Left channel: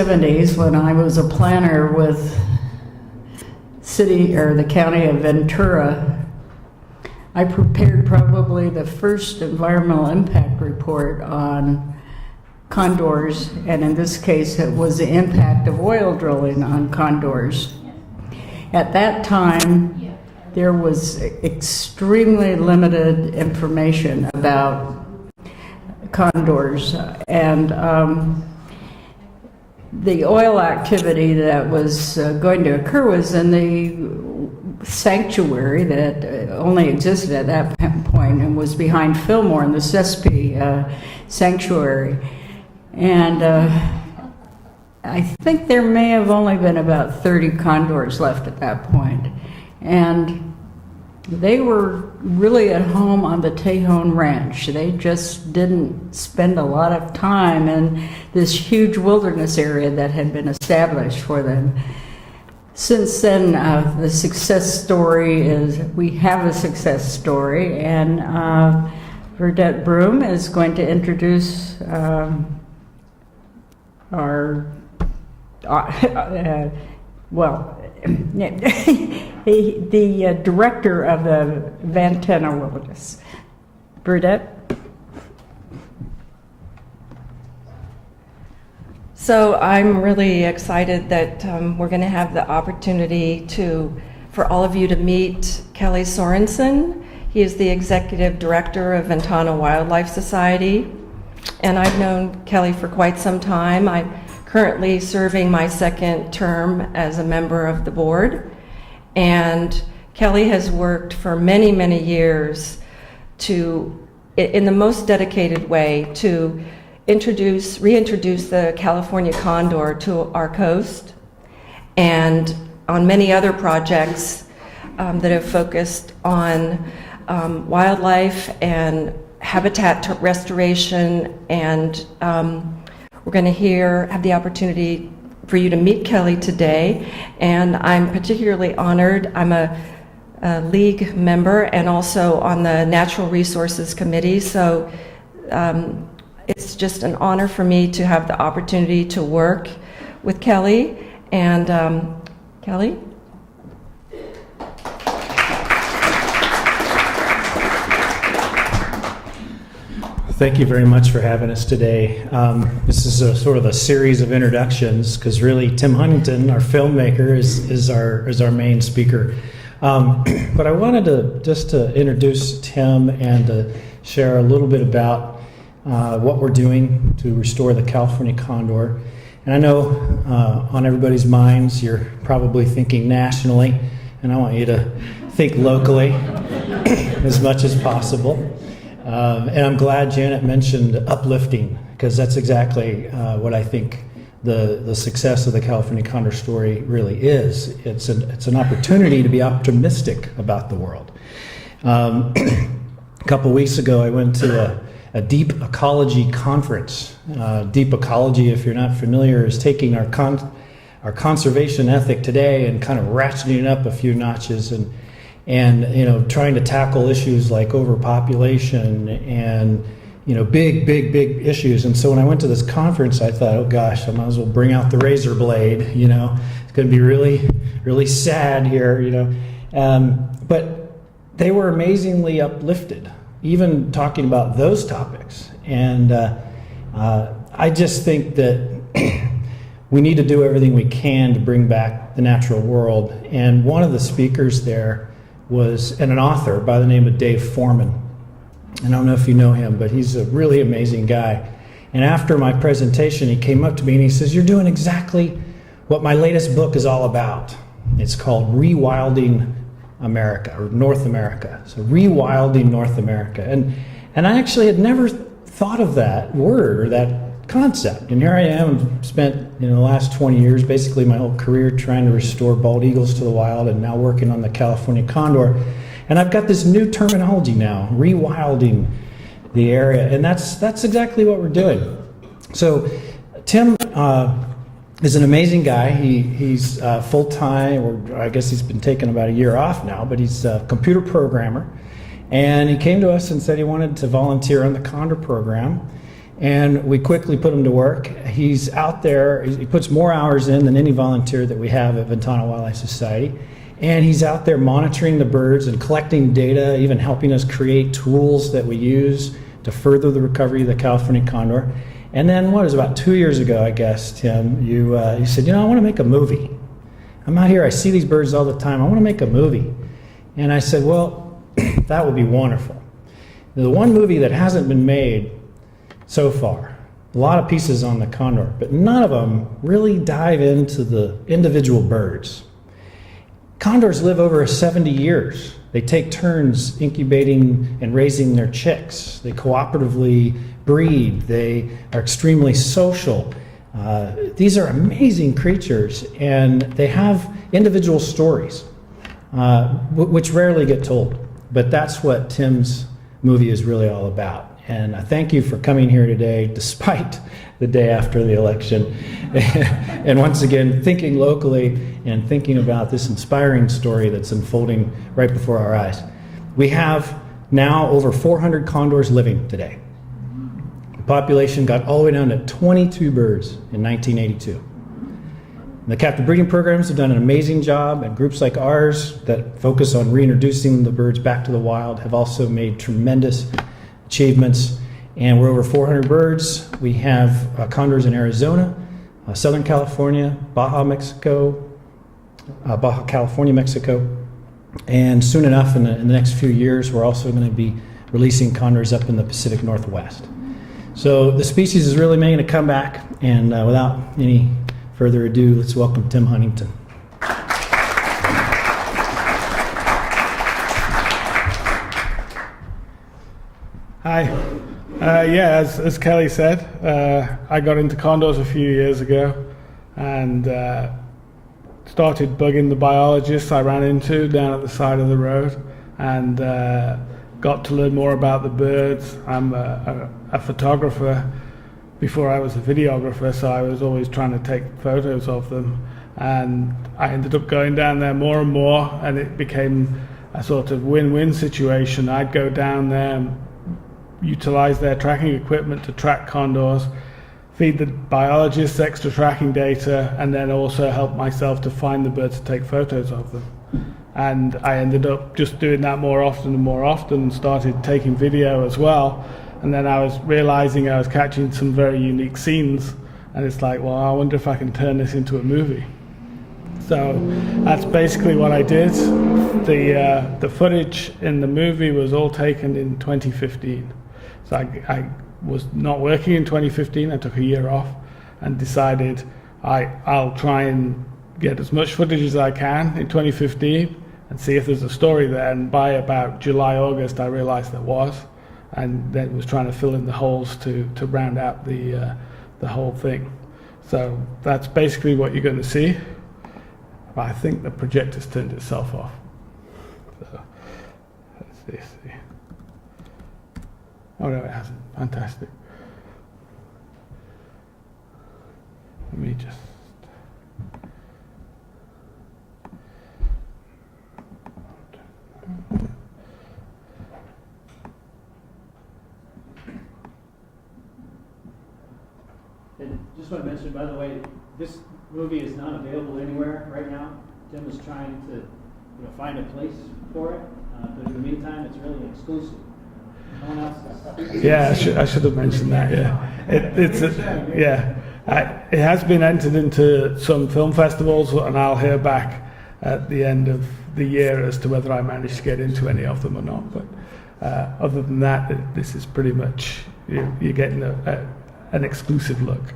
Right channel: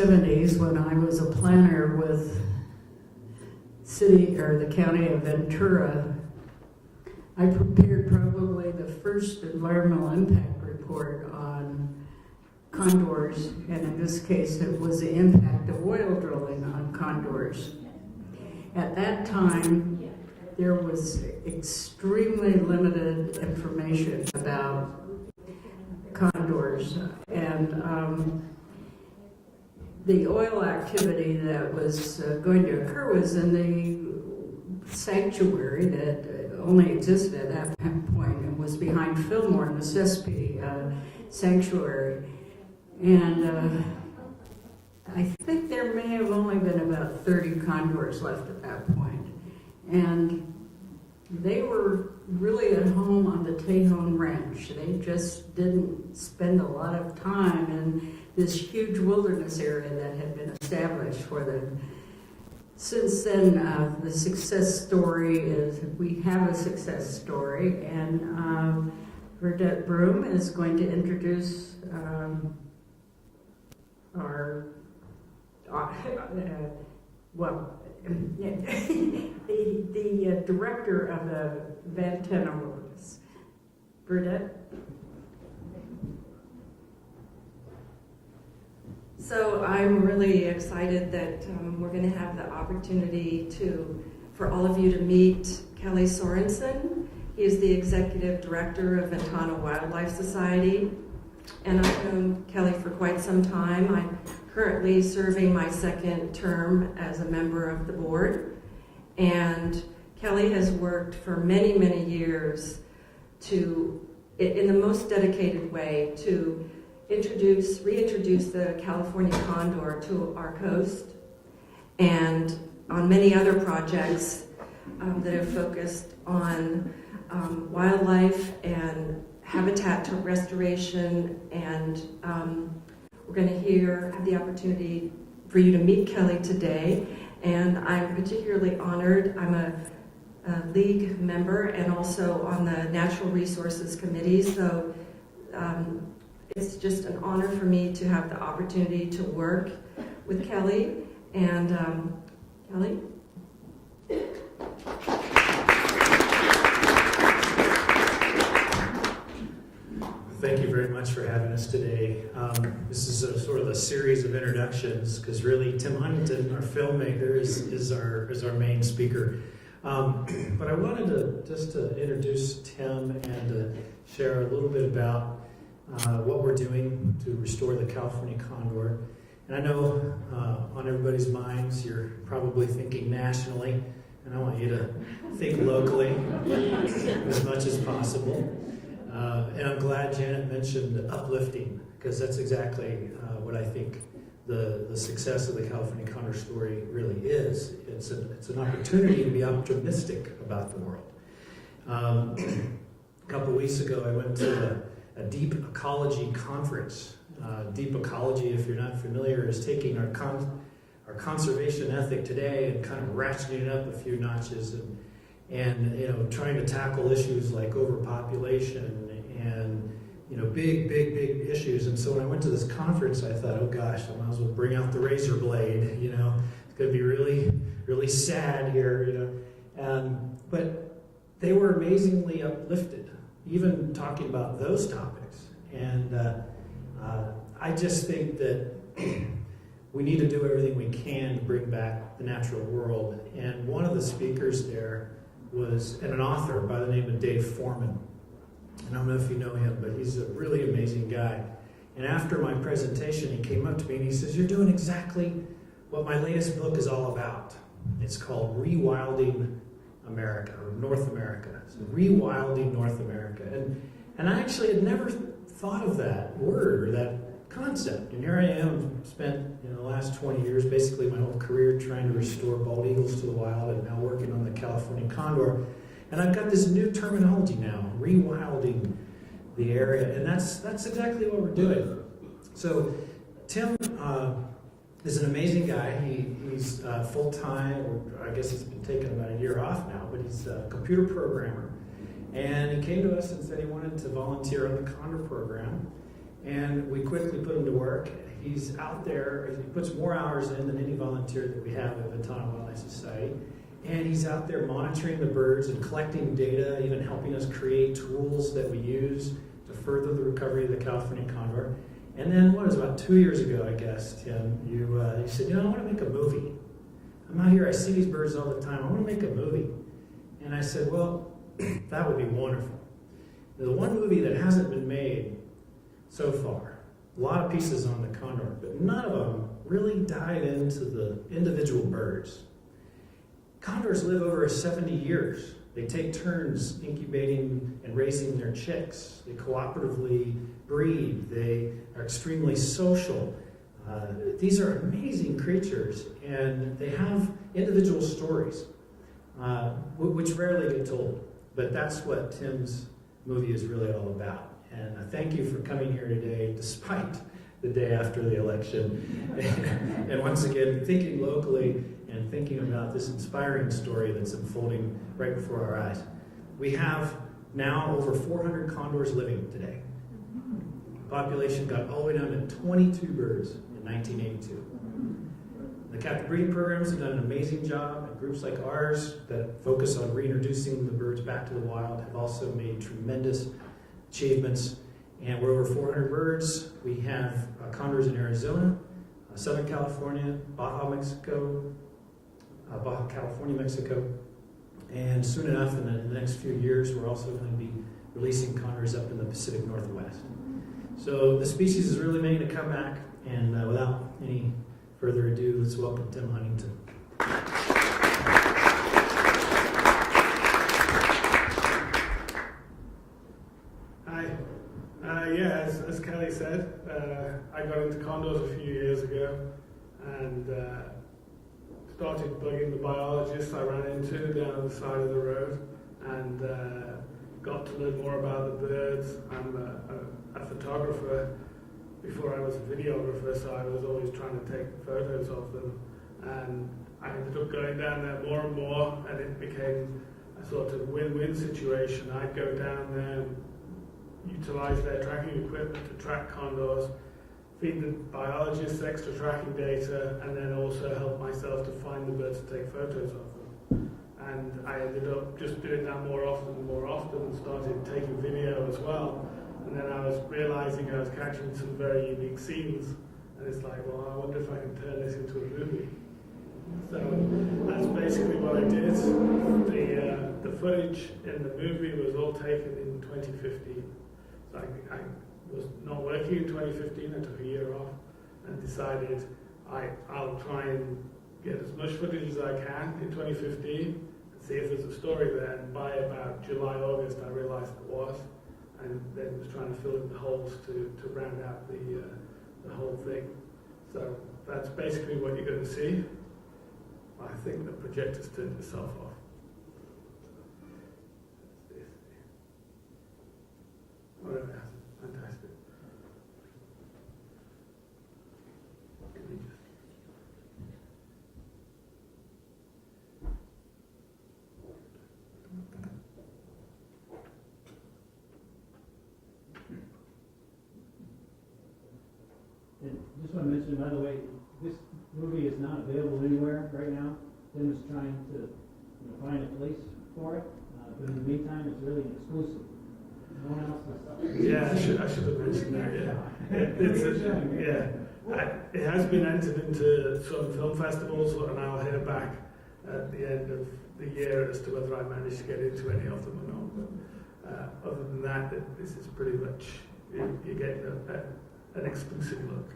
70s when I was a planner with the county of Ventura. I prepared probably the first environmental impact report on condors, and in this case it was the impact of oil drilling on condors. At that time, there was extremely limited information about condors, and the oil activity that was going to occur was in the sanctuary that only existed at that point and was behind Fillmore in the Sespe sanctuary. And I think there may have only been about 30 condors left at that point. And they were really at home on the Tejon Ranch. They just didn't spend a lot of time in this huge wilderness area that had been established for them. Since then, the success story is, we have a success story, and Verdette Broom is going to introduce the director of the Ventana Wilderness. Verdette? So I'm really excited that we're going to have the opportunity for all of you to meet Kelly Sorensen. He is the executive director of Ventana Wildlife Society, and I've known Kelly for quite some time. I'm currently serving my second term as a member of the board, and Kelly has worked for many, many years in the most dedicated way to reintroduce the California condor to our coast, and on many other projects that have focused on wildlife and habitat restoration. And we're going to have the opportunity for you to meet Kelly today, and I'm particularly honored. I'm a league member and also on the Natural Resources Committee, so it's just an honor for me to have the opportunity to work with Kelly. And Kelly? Thank you very much for having us today. This is sort of a series of introductions, because really Tim Huntington, our filmmaker, is our main speaker. But I wanted to introduce Tim and to share a little bit about what we're doing to restore the California condor. And I know on everybody's minds you're probably thinking nationally, and I want you to think locally as much as possible. And I'm glad Janet mentioned uplifting, because that's exactly what I think the success of the California condor story really is. It's an opportunity to be optimistic about the world. A couple weeks ago I went to a deep ecology conference. Deep ecology, if you're not familiar, is taking our conservation ethic today and kind of ratcheting it up a few notches, and trying to tackle issues like overpopulation and big issues. And so when I went to this conference, I thought, oh gosh, I might as well bring out the razor blade. It's going to be really, really sad here. But they were amazingly uplifted, even talking about those topics. And I just think that we need to do everything we can to bring back the natural world. And one of the speakers there was an author by the name of Dave Foreman. And I don't know if you know him, but he's a really amazing guy. And after my presentation, he came up to me and he says, "You're doing exactly what my latest book is all about. It's called Rewilding America, or North America." So Rewilding North America. And I actually had never thought of that word or that concept. And here I am, spent the last 20 years, basically my whole career, trying to restore bald eagles to the wild, and now working on the California condor. And I've got this new terminology now, rewilding the area, and that's exactly what we're doing. So Tim is an amazing guy. He's full-time, or I guess he's been taking about a year off now, but he's a computer programmer. And he came to us and said he wanted to volunteer on the Condor program. and we quickly put him to work. He's out there, he puts more hours in than any volunteer that we have at Ventana Wildlife Society. And he's out there monitoring the birds and collecting data, even helping us create tools that we use to further the recovery of the California condor. And then, what was about 2 years ago, I guess, Tim, you said, I want to make a movie. I'm out here, I see these birds all the time, I want to make a movie. And I said, well, that would be wonderful. The one movie that hasn't been made so far, a lot of pieces on the condor, but none of them really dive into the individual birds. Condors live over 70 years. They take turns incubating and raising their chicks. They cooperatively breed. They are extremely social. These are amazing creatures, and they have individual stories, which rarely get told. But that's what Tim's movie is really all about. And I thank you for coming here today, despite the day after the election. And once again, thinking locally and thinking about this inspiring story that's unfolding right before our eyes. We have now over 400 condors living today. The population got all the way down to 22 birds in 1982. The captive breeding programs have done an amazing job, and groups like ours that focus on reintroducing the birds back to the wild have also made tremendous achievements. And we're over 400 birds. We have condors in Arizona, Southern California, Baja California, Mexico. And soon enough, in the next few years, we're also going to be releasing condors up in the Pacific Northwest. So the species is really making a comeback, and without any further ado, let's welcome Tim Huntington. Hi. As Kelly said, I got into condors a few years ago and started bugging the biologists I ran into down at the side of the road, and got to learn more about the birds. I'm a photographer before I was a videographer, so I was always trying to take photos of them, and I ended up going down there more and more, and it became a sort of win-win situation. I'd go down there and utilize their tracking equipment to track condors, feed the biologists extra tracking data, and then also help myself to find the birds to take photos of them. And I ended up just doing that more often and more often, started taking video as well. And then I was realizing I was catching some very unique scenes, and it's like, well, I wonder if I can turn this into a movie. So that's basically what I did. The footage in the movie was all taken in 2015. So I was not working in 2015. I took a year off and decided I'll try and get as much footage as I can in 2015 and see if there's a story there. And by about July, August, I realized there was, and then was trying to fill in the holes to round out the whole thing. So that's basically what you're going to see. But I think the projector's turned itself off. So let's see. Oh no, it hasn't. Fantastic. Let me just. And just want to mention, by the way, this movie is not available anywhere right now. Tim is trying to find a place for it, but in the meantime, it's really exclusive. No one else is. Yeah, I should have mentioned that. Yeah, it has been entered into some film festivals, and I'll hear back at the end of the year as to whether I managed to get into any of them or not. But other than that, this is pretty much you're getting an exclusive look.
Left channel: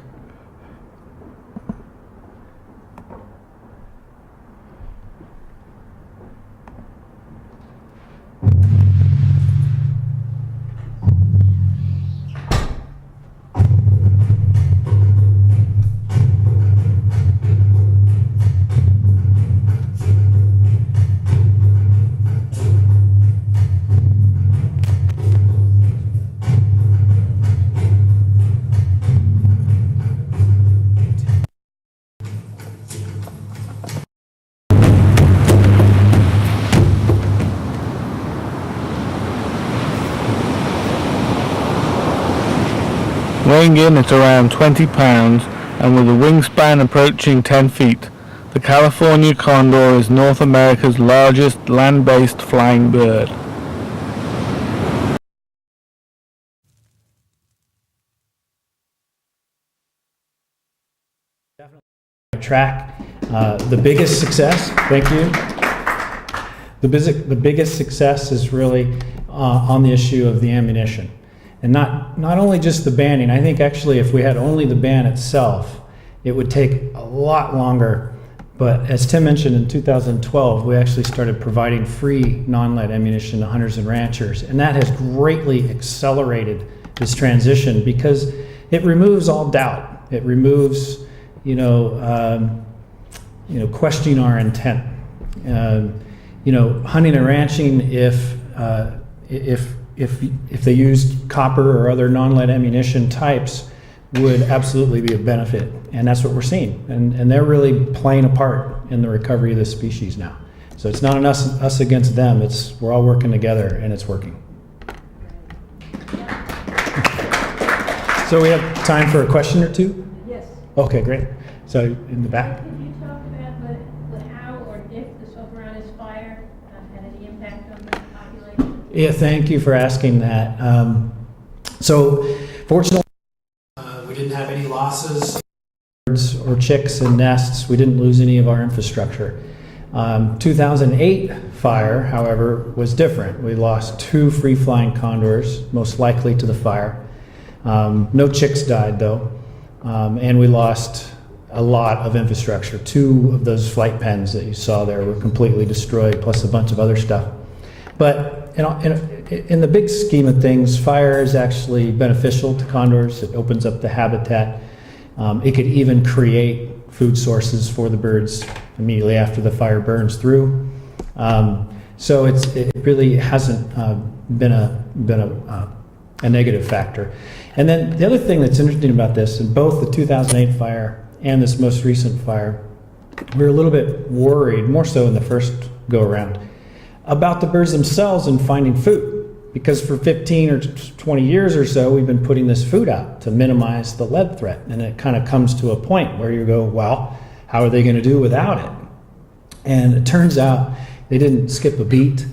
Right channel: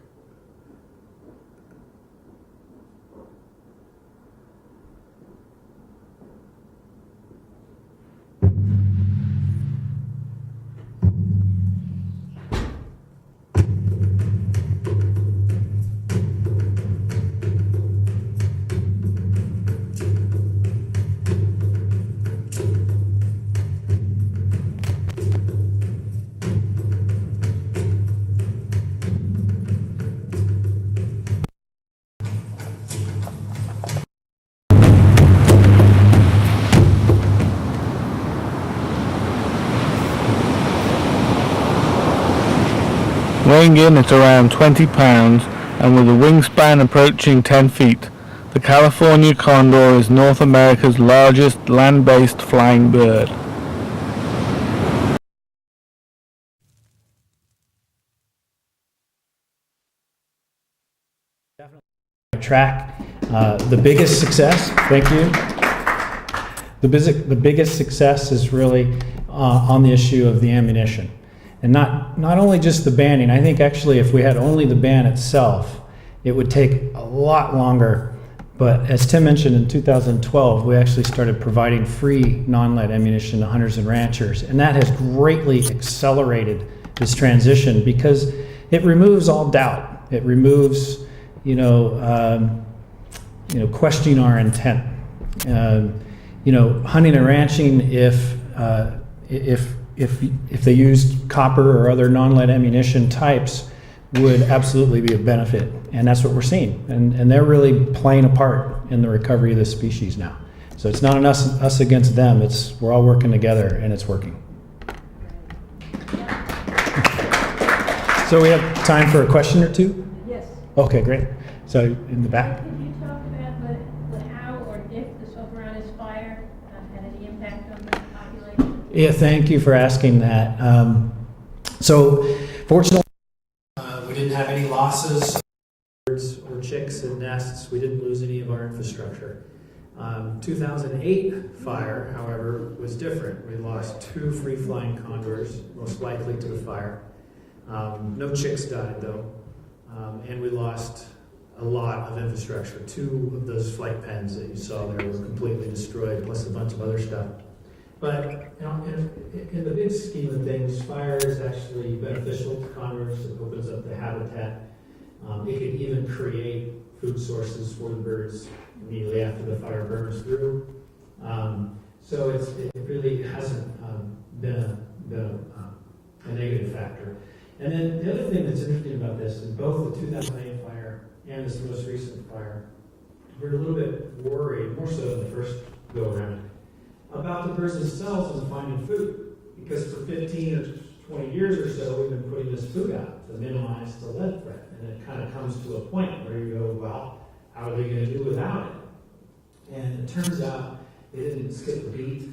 weighing in at around 20 pounds and with a wingspan approaching 10 feet. The California Condor is North America's largest land-based flying bird. Track. The biggest success, thank you. The biggest success is really on the issue of the ammunition. And not only just the banning, I think actually if we had only the ban itself, it would take a lot longer. But as Tim mentioned, in 2012, we actually started providing free non-lead ammunition to hunters and ranchers. And that has greatly accelerated this transition because it removes all doubt. It removes, questioning our intent. Hunting and ranching, if they used copper or other non-lead ammunition types, would absolutely be a benefit, and that's what we're seeing. And they're really playing a part in the recovery of this species now. So it's not us against them. We're all working together, and it's working. So we have time for a question or two? Yes. Okay, great. So in the back. Could you talk about the how or if the Sovereign's fire had any impact on the population? Yeah, thank you for asking that. So fortunately, we didn't have any losses, birds or chicks and nests. We didn't lose any of our infrastructure. 2008 fire, however, was different. We lost 2 free-flying condors, most likely to the fire. No chicks died, though, and we lost a lot of infrastructure. 2 of those flight pens that you saw there were completely destroyed, plus a bunch of other stuff. But in the big scheme of things, fire is actually beneficial to condors. It opens up the habitat. It could even create food sources for the birds immediately after the fire burns through. So it really hasn't been a negative factor. And then the other thing that's interesting about this, in both the 2008 fire and this most recent fire, we were a little bit worried, more so in the first go-around, about the birds themselves and finding food. Because for 15 or 20 years or so, we've been putting this food out to minimize the lead threat. And it kind of comes to a point where you go, well, how are they going to do without it? And it turns out they didn't skip a beat.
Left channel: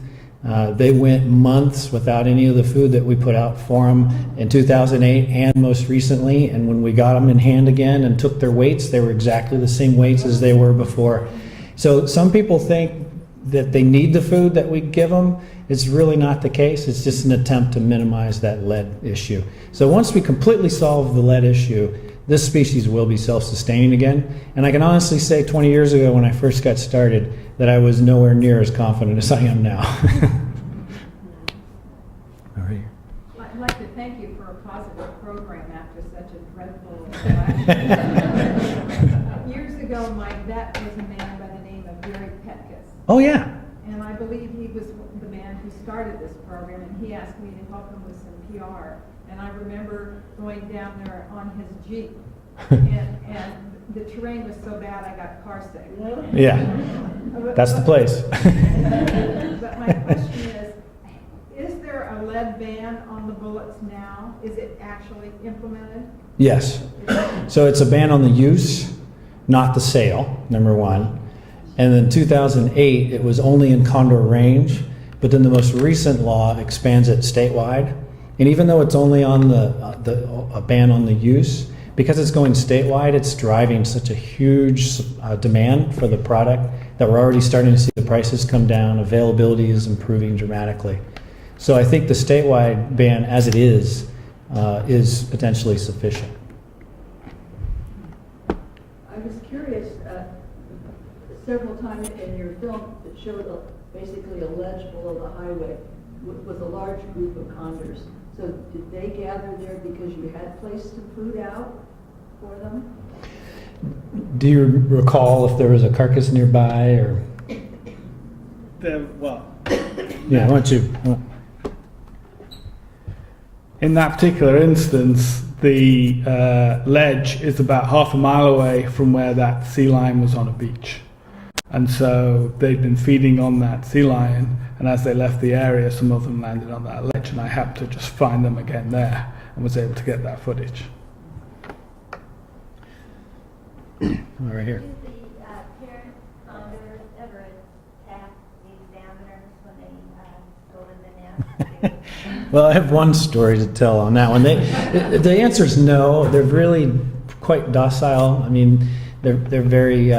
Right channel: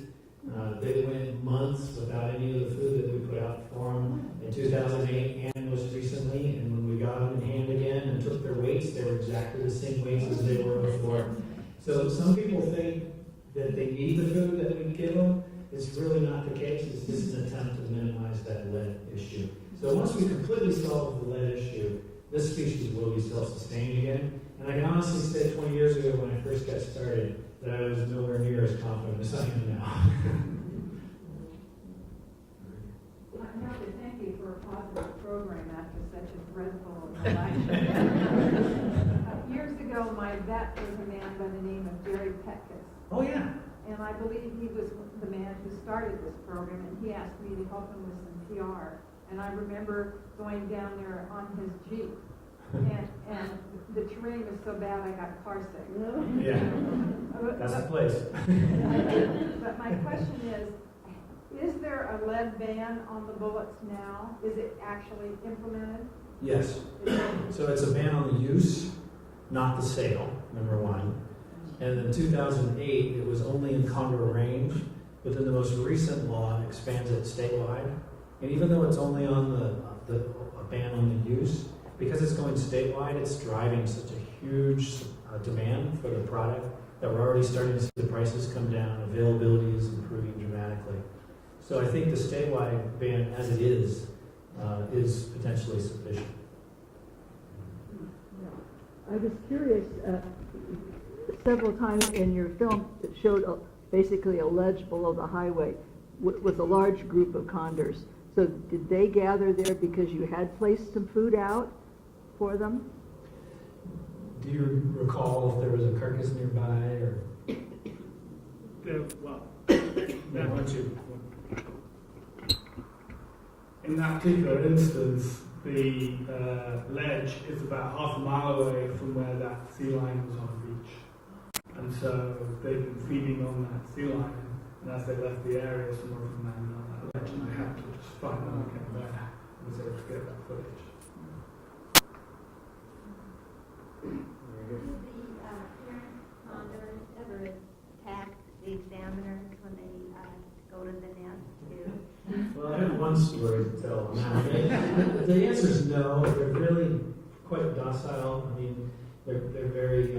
They went months without any of the food that we put out for them in 2008 and most recently. And when we got them in hand again and took their weights, they were exactly the same weights as they were before. So some people think that they need the food that we give them. It's really not the case. It's just an attempt to minimize that lead issue. So once we completely solve the lead issue, this species will be self-sustaining again. And I can honestly say 20 years ago when I first got started that I was nowhere near as confident as I am now. All right. I'd like to thank you for a positive program after such a dreadful election. Years ago, my vet was a man by the name of Gary Petkus. Oh, yeah. And I believe he was the man who started this program, and he asked me to help him with some PR. And I remember going down there on his Jeep, and the terrain was so bad I got car sick. Yeah, that's the place. But my question is there a lead ban on the bullets now? Is it actually implemented? Yes. So it's a ban on the use, not the sale, number one. And in 2008, it was only in Condor range, but then the most recent law expands it statewide. And even though it's only on a ban on the use, because it's going statewide, it's driving such a huge demand for the product that we're already starting to see the prices come down. Availability is improving dramatically. So I think the statewide ban, as it is potentially sufficient. I was curious, several times in your film it showed basically a ledge below the highway with a large group of condors. So did they gather there because you had placed some food out for them? Do you recall if there was a carcass nearby, or? Well, Yeah, why don't you? in that particular instance, the ledge is about half a mile away from where that sea lion was on a beach. And so they'd been feeding on that sea lion, and as they left the area, some of them landed on that ledge, and I happened to just find them again there and was able to get that footage. right here. Do the parent condors ever attack these downers when they go to the nest? Well, I have one story to tell on that one. The answer is no. They're really quite docile. I mean, they're very,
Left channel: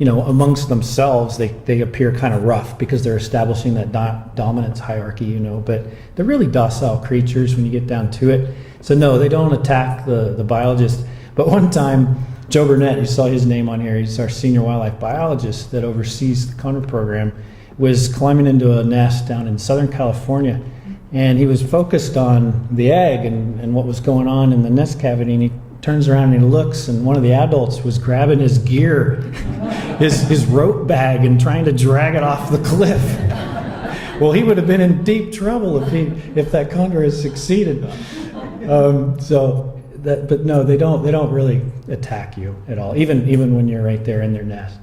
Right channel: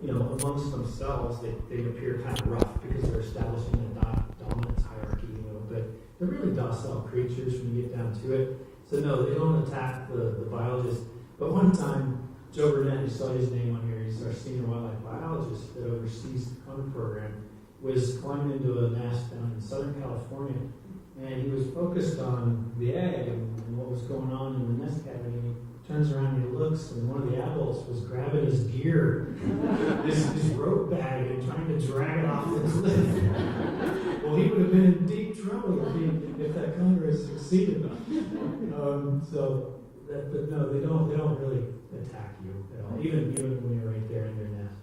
amongst themselves, they appear kind of rough because they're establishing that dominance hierarchy, but they're really docile creatures when you get down to it. So no, they don't attack the biologist. But one time, Joe Burnett, you saw his name on here, he's our senior wildlife biologist that oversees the condor program, was climbing into a nest down in Southern California. And he was focused on the egg and what was going on in the nest cavity. And he turns around and he looks, and one of the adults was grabbing his gear, his rope bag, and trying to drag it off the cliff. Well, he would have been in deep trouble if that condor had succeeded. But no, they don't really attack you at all, even when you're right there in their nest.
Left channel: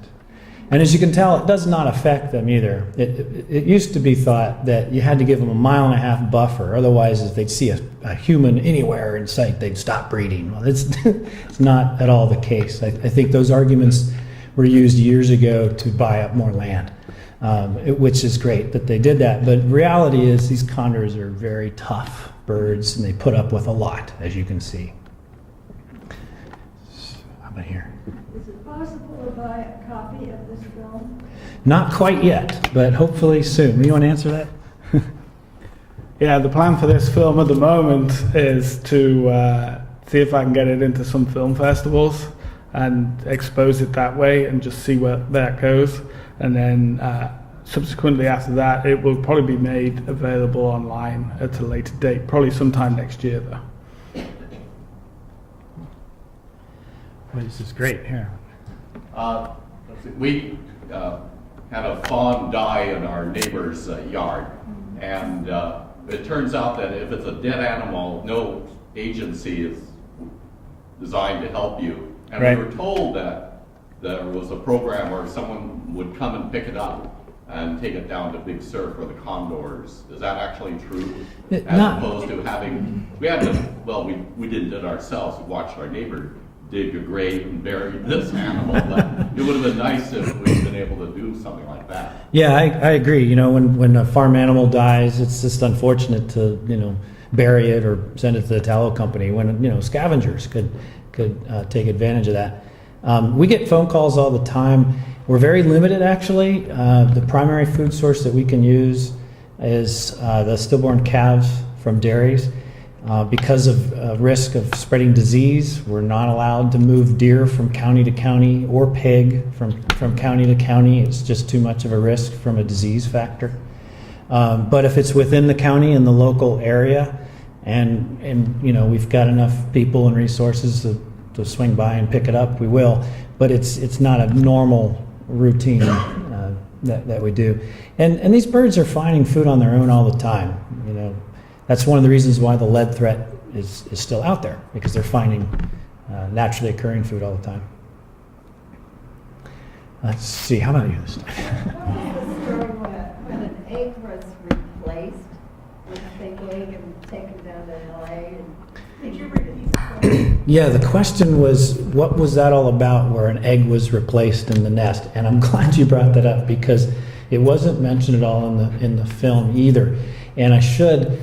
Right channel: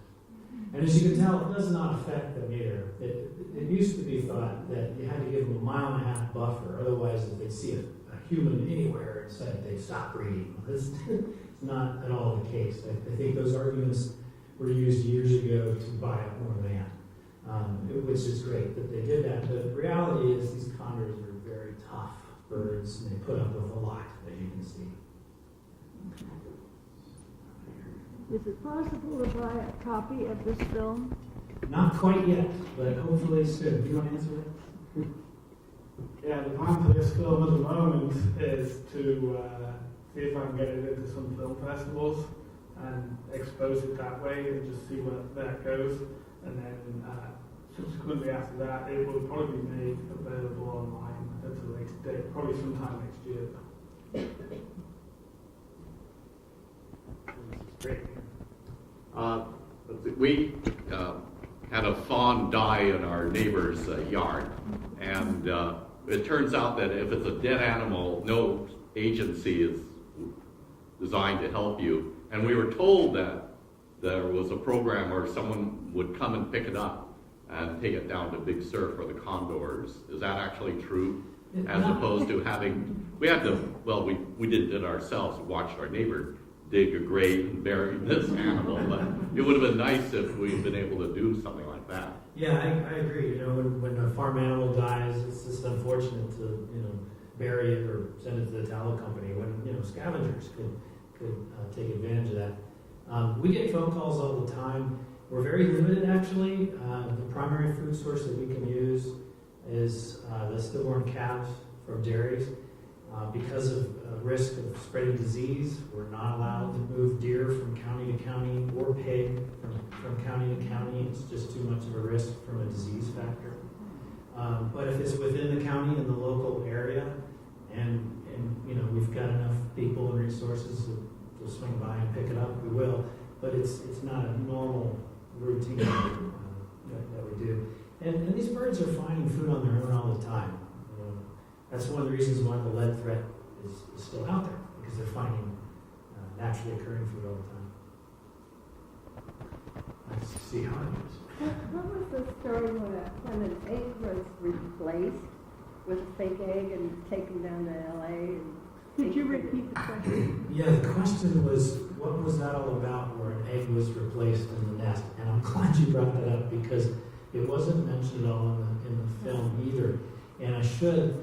And as you can tell, it does not affect them either. It used to be thought that you had to give them a 1.5 mile buffer, otherwise if they'd see a human anywhere in sight, they'd stop breeding. Well, it's not at all the case. I think those arguments were used years ago to buy up more land, which is great that they did that. But reality is these condors are very tough birds, and they put up with a lot, as you can see. How about here? Is it possible to buy a copy of this film? Not quite yet, but hopefully soon. You want to answer that? Yeah, the plan for this film at the moment is to see if I can get it into some film festivals and expose it that way and just see where that goes. And then subsequently after that, it will probably be made available online at a later date, probably sometime next year though. Well, this is great. Here. We had a fawn die in our neighbor's yard, and it turns out that if it's a dead animal, no agency is designed to help you. And Right. we were told that there was a program where someone would come and pick it up and take it down to Big Sur for the condors. Is that actually true? As opposed to having, we didn't do it ourselves. We watched our neighbor dig a grave and bury this animal, but it would have been nice if we'd been able to do something like that. Yeah, I agree. When a farm animal dies, it's just unfortunate to bury it or send it to the tallow company. When scavengers could take advantage of that. We get phone calls all the time. We're very limited, actually. The primary food source that we can use is the stillborn calves from dairies. Because of risk of spreading disease, we're not allowed to move deer from county to county or pig from county to county. It's just too much of a risk from a disease factor. But if it's within the county and the local area, and we've got enough people and resources to swing by and pick it up, we will. But it's not a normal routine that we do. And these birds are finding food on their own all the time. That's one of the reasons why the lead threat is still out there, because they're finding naturally occurring food all the time. Let's see, how about you this time? What was the story when an egg was replaced with a fake egg and taken down to LA? Could you repeat the question? Yeah, the question was, what was that all about where an egg was replaced in the nest? And I'm glad you brought that up because it wasn't mentioned at all in the film either. And I should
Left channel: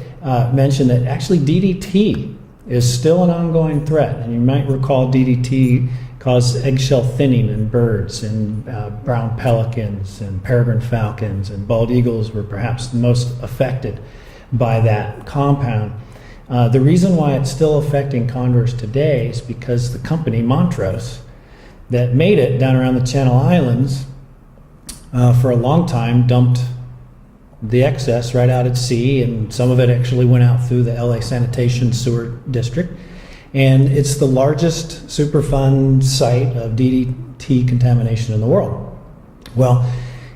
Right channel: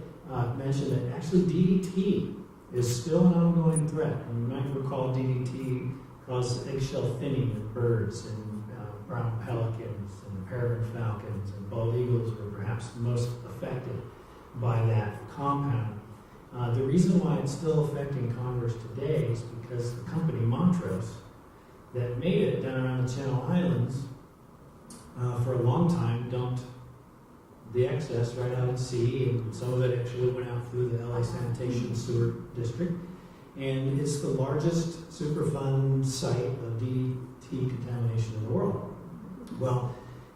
mention that actually DDT is still an ongoing threat. And you might recall DDT caused eggshell thinning in birds, and brown pelicans and peregrine falcons and bald eagles were perhaps the most affected by that compound. The reason why it's still affecting condors today is because the company Montrose that made it down around the Channel Islands for a long time dumped the excess right out at sea, and some of it actually went out through the LA Sanitation Sewer District. And it's the largest Superfund site of DDT contamination in the world. Well,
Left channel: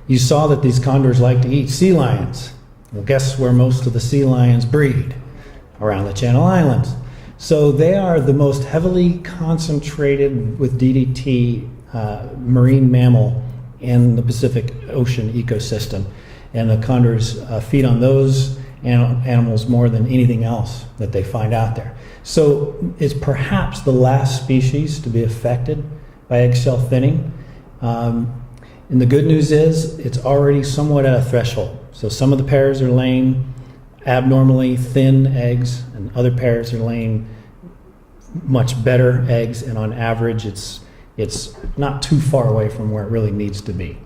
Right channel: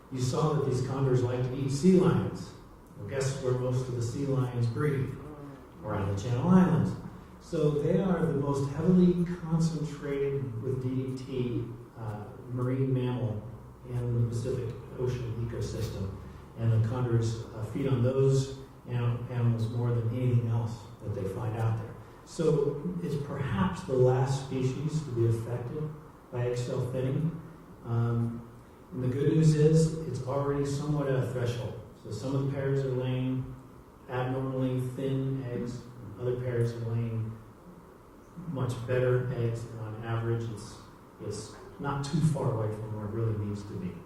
you saw that these condors like to eat sea lions. Well, guess where most of the sea lions breed? Around the Channel Islands. So they are the most heavily concentrated with DDT marine mammal in the Pacific Ocean ecosystem. And the condors feed on those animals more than anything else that they find out there. So it's perhaps the last species to be affected by eggshell thinning. And the good news is it's already somewhat at a threshold. So some of the pairs are laying abnormally thin eggs, and other pairs are laying much better eggs, and on average it's not too far away from where it really needs to be.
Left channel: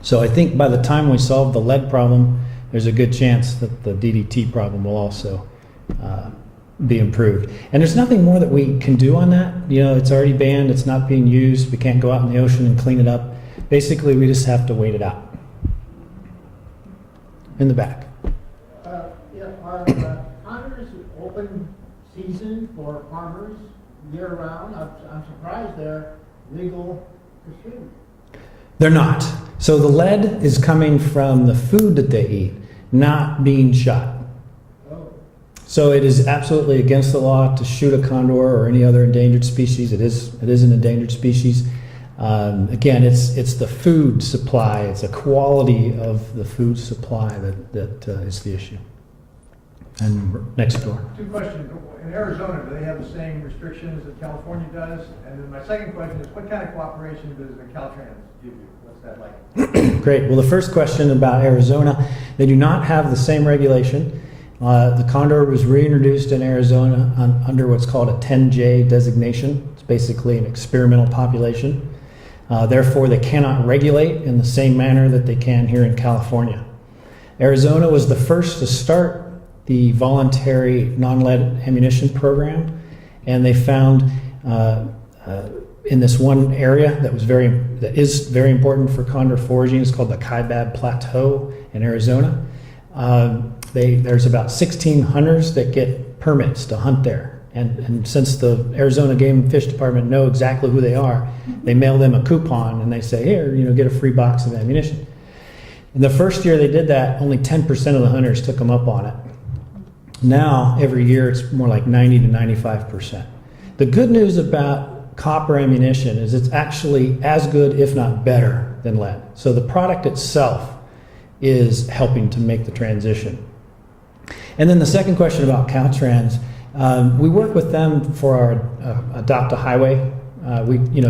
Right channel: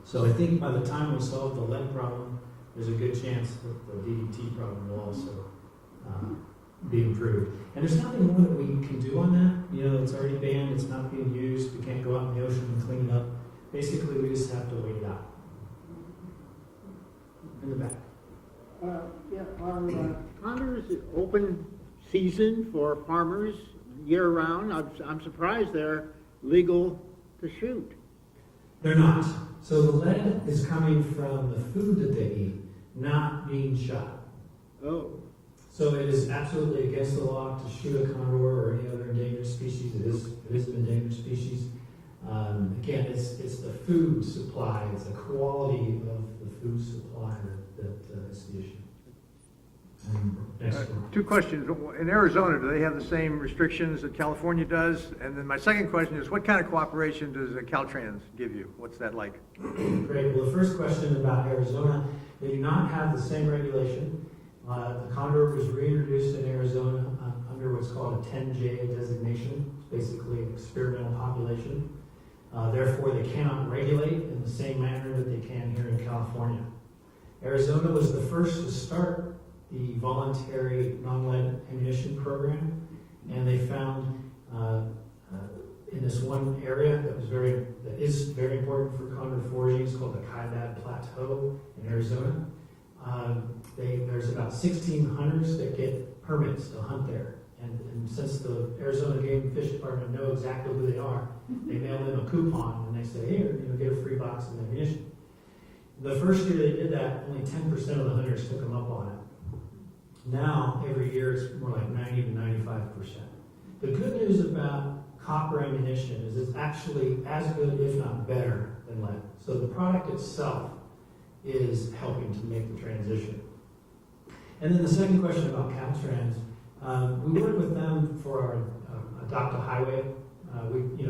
So I think by the time we solve the lead problem, there's a good chance that the DDT problem will also be improved. And there's nothing more that we can do on that. You know, it's already banned, it's not being used, we can't go out in the ocean and clean it up. Basically, we just have to wait it out. In the back. Are condors open season for farmers year-round? I'm surprised they're legal to shoot. They're not. So the lead is coming from the food that they eat, not being shot. Oh. So it is absolutely against the law to shoot a condor or any other endangered species. It is an endangered species. Again, it's the food supply, it's the quality of the food supply that is the issue. And next door. Two questions. In Arizona, do they have the same restrictions that California does? And then my second question is, what kind of cooperation does Caltrans give you? What's that like? Great. Well, the first question about Arizona, they do not have the same regulation. The condor was reintroduced in Arizona under what's called a 10J designation. It's basically an experimental population. Therefore, they cannot regulate in the same manner that they can here in California. Arizona was the first to start the voluntary non-lead ammunition program, and they found in this one area that is very important for condor foraging. It's called the Kaibab Plateau in Arizona. There's about 16 hunters that get permits to hunt there, and since the Arizona Game and Fish Department know exactly who they are, they mail them a coupon and they say, here, get a free box of ammunition. In the first year they did that, only 10% of the hunters took them up on it. Now, every year, it's more like 90 to 95%. The good news about copper ammunition is it's actually as good, if not better, than lead. So the product itself is helping to make the transition. And then the second question about Caltrans, we work with them for our Adopt a Highway.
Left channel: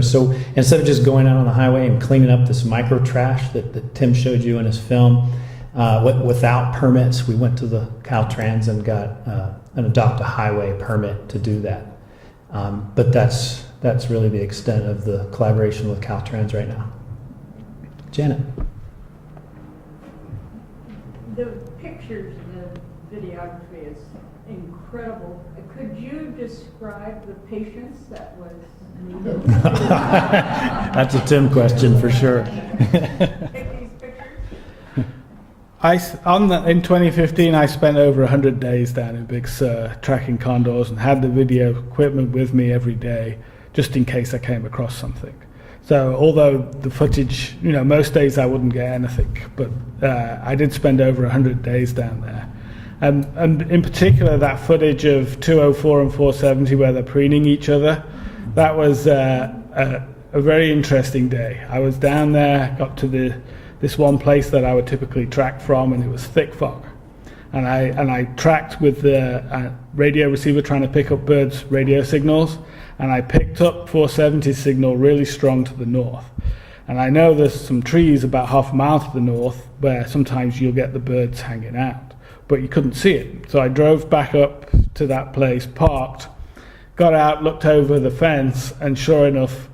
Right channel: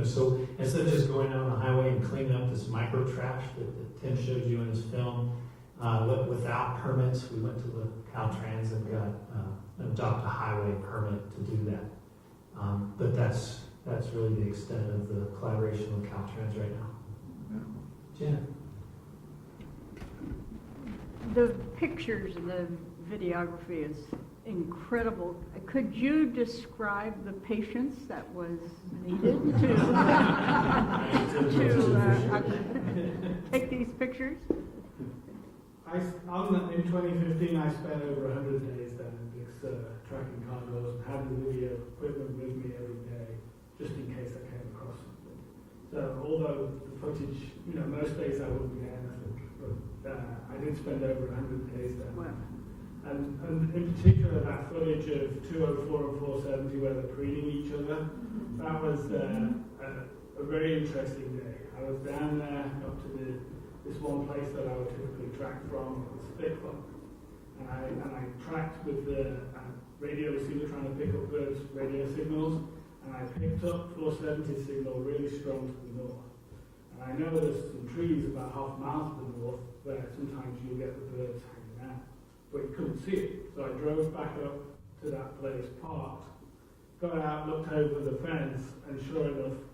So instead of just going out on the highway and cleaning up this micro trash that Tim showed you in his film, without permits, we went to the Caltrans and got an Adopt a Highway permit to do that. But that's really the extent of the collaboration with Caltrans right now. Janet. The pictures and the videography is incredible. Could you describe the patience that was needed? That's a Tim question for sure. Take these pictures? In 2015, I spent over 100 days down in Big Sur tracking condors and had the video equipment with me every day, just in case I came across something. So although the footage, most days I wouldn't get anything, but I did spend over 100 days down there. And in particular, that footage of 204 and 470 where they're preening each other, that was a very interesting day. I was down there, got to this one place that I would typically track from, and it was thick fog. And I tracked with the radio receiver trying to pick up birds' radio signals, and I picked up 470 signal really strong to the north. And I know there's some trees about half a mile to the north where sometimes you'll get the birds hanging out, but you couldn't see it. So I drove back up to that place, parked, got out, looked over the fence, and sure enough,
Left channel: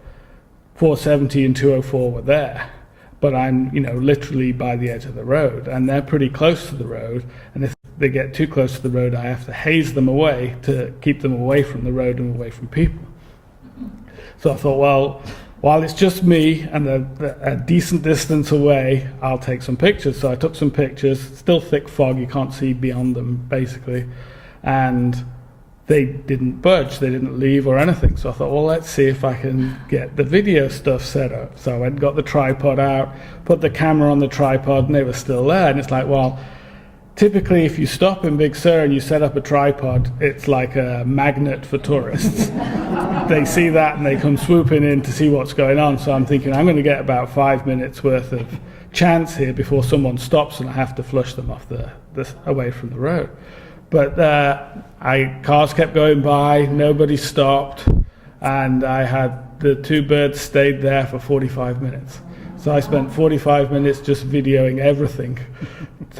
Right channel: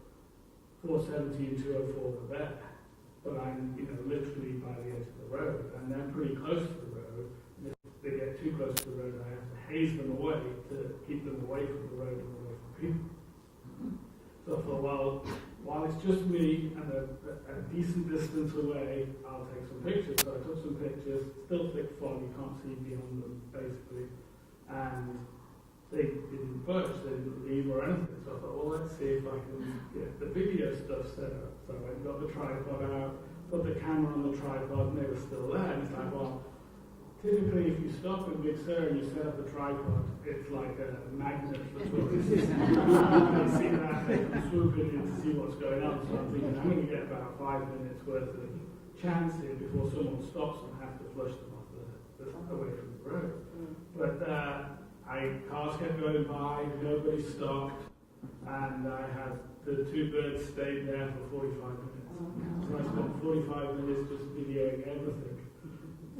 470 and 204 were there. But I'm, literally by the edge of the road, and they're pretty close to the road, and if they get too close to the road, I have to haze them away to keep them away from the road and away from people. So I thought, well, while it's just me and a decent distance away, I'll take some pictures. So I took some pictures, still thick fog, you can't see beyond them, basically, and they didn't budge, they didn't leave or anything. So I thought, well, let's see if I can get the video stuff set up. So I went and got the tripod out, put the camera on the tripod, and they were still there. And it's like, well, typically if you stop in Big Sur and you set up a tripod, it's like a magnet for tourists. They see that and they come swooping in to see what's going on. So I'm thinking, I'm going to get about 5 minutes worth of chance here before someone stops and I have to flush them off away from the road. But cars kept going by, nobody stopped, and I had the two birds stayed there for 45 minutes. So I spent 45 minutes just videoing everything,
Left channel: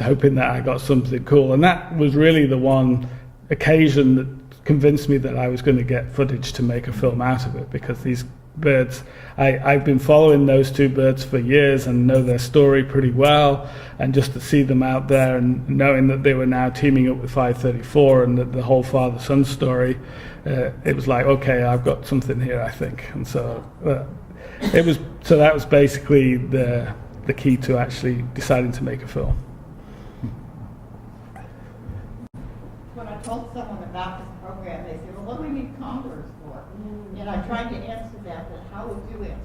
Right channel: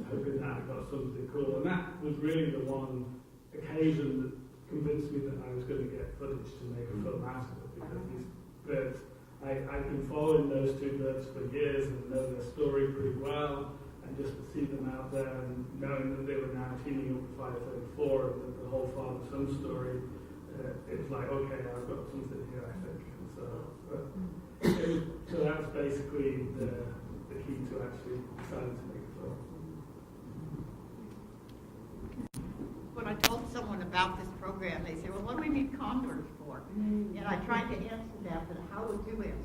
hoping that I got something cool. And that was really the one occasion that convinced me that I was going to get footage to make a film out of it, because these birds, I've been following those two birds for years and know their story pretty well, and just to see them out there and knowing that they were now teaming up with 534 and that the whole father-son story, it was like, okay, I've got something here, I think. And so that was basically the key to actually deciding to make a film. When I told someone about this program, they said, well, what do we need condors for? And I tried to answer that, but how would you answer?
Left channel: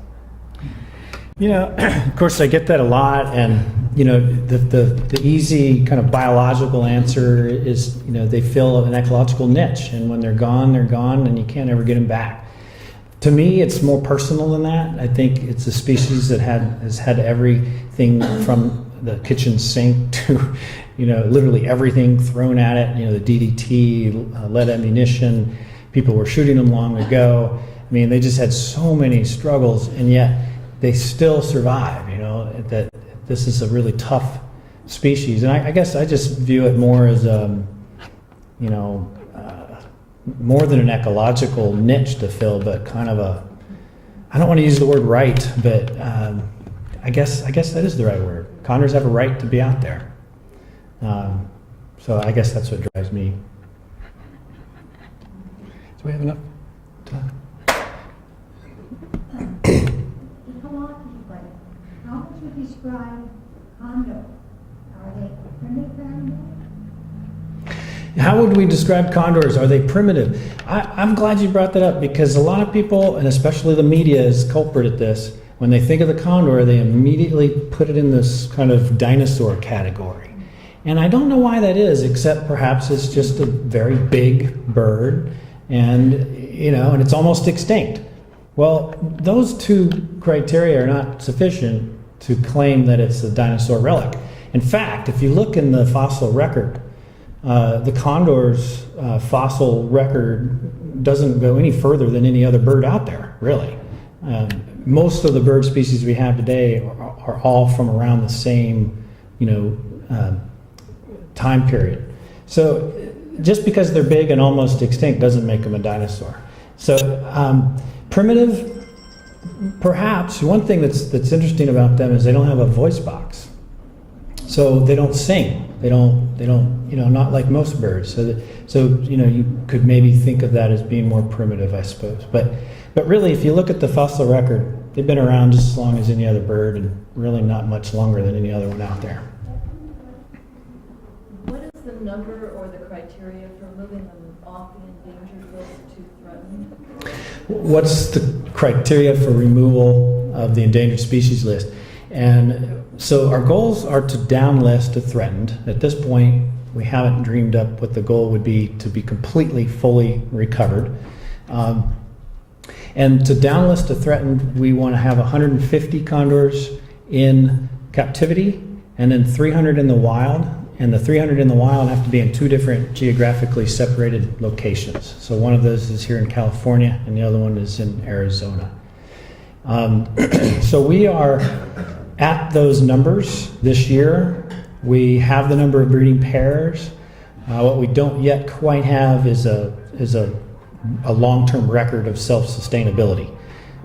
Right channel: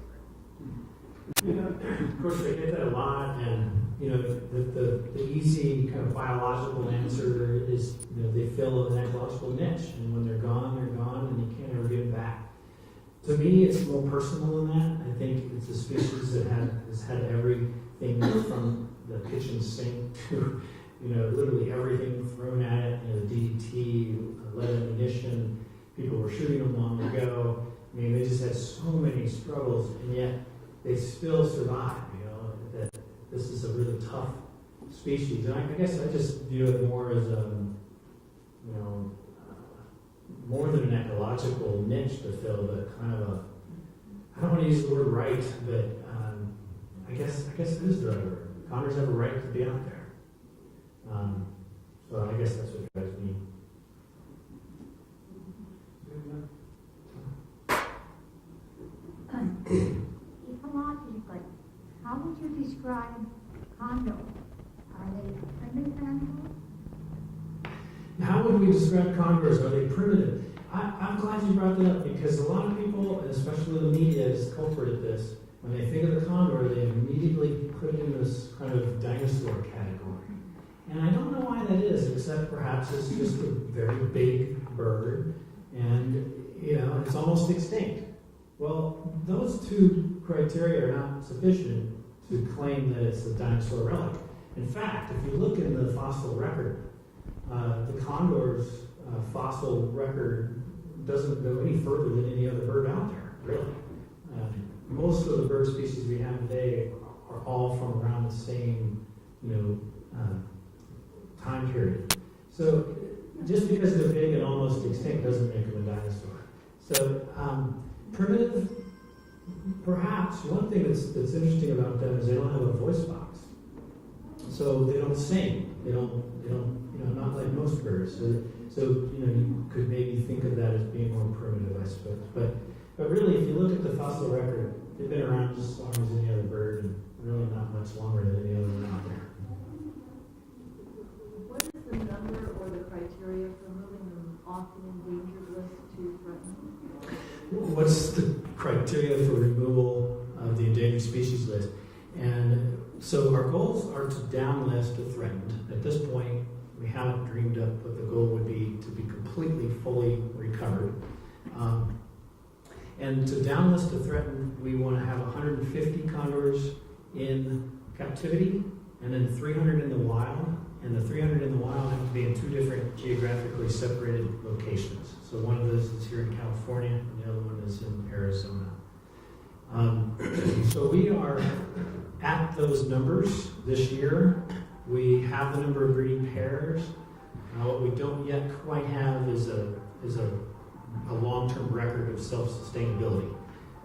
You know, of course, I get that a lot, and you know, the easy kind of biological answer is, you know, they fill an ecological niche, and when they're gone, and you can't ever get them back. To me, it's more personal than that. I think it's a species that has had everything from the kitchen sink to, you know, literally everything thrown at it. You know, the DDT, lead ammunition. People were shooting them long ago. I mean, they just had so many struggles, and yet they still survive. You know, that this is a really tough species, and I guess I just view it more as you know, more than an ecological niche to fill, but kind of a, I don't want to use the word right, but I guess that is the right word. Condors have a right to be out there. So I guess that's what drives me. Do we have enough time? Ecologically, how would you describe condors? Are they primitive animals? How would we describe condors? Are they primitive? I'm glad you brought that up, because a lot of people, and especially the media, is culprit at this. When they think of the condor, they immediately put it in this kind of dinosaur category. And I don't know why that is, except perhaps it's just a very big bird, and you know, and it's almost extinct. Well, those two criteria are not sufficient to claim that it's a dinosaur relic. In fact, if you look in the fossil record, the condor's fossil record doesn't go any further than any other bird out there, really. Most of the bird species we have today are all from around the same, you know, time period. So just because they're big and almost extinct doesn't make them a dinosaur. So primitive, perhaps. One thing that's interesting about them is they don't have a voice box. So they don't sing. They don't, you know, not like most birds. So you know, you could maybe think of that as being more primitive, I suppose. But really, if you look at the fossil record, they've been around just as long as any other bird, and really not much longer than any other one out there. What is the number or the criteria for moving them off the endangered list to threatened? What's the criteria for removal of the endangered species list? And so our goals are to downlist to threatened. At this point, we haven't dreamed up what the goal would be to be completely, fully recovered. And to downlist to threatened, we want to have 150 condors in captivity and then 300 in the wild. And the 300 in the wild have to be in two different geographically separated locations. So one of those is here in California and the other one is in Arizona. So we are at those numbers this year. We have the number of breeding pairs. What we don't yet quite have is a long-term record of self-sustainability.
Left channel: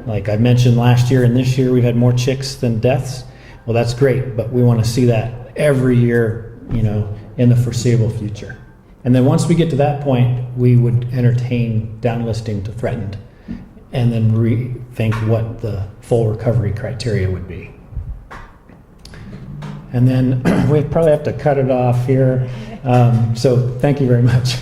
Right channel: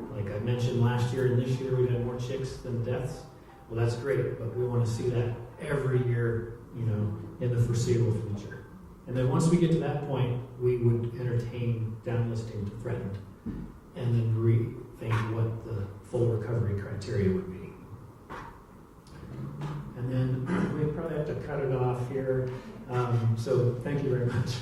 Like I mentioned, last year and this year we've had more chicks than deaths. Well, that's great, but we want to see that every year, you know, in the foreseeable future. And then once we get to that point, we would entertain downlisting to threatened, and then rethink what the full recovery criteria would be. And then we probably have to cut it off here. So thank you very much.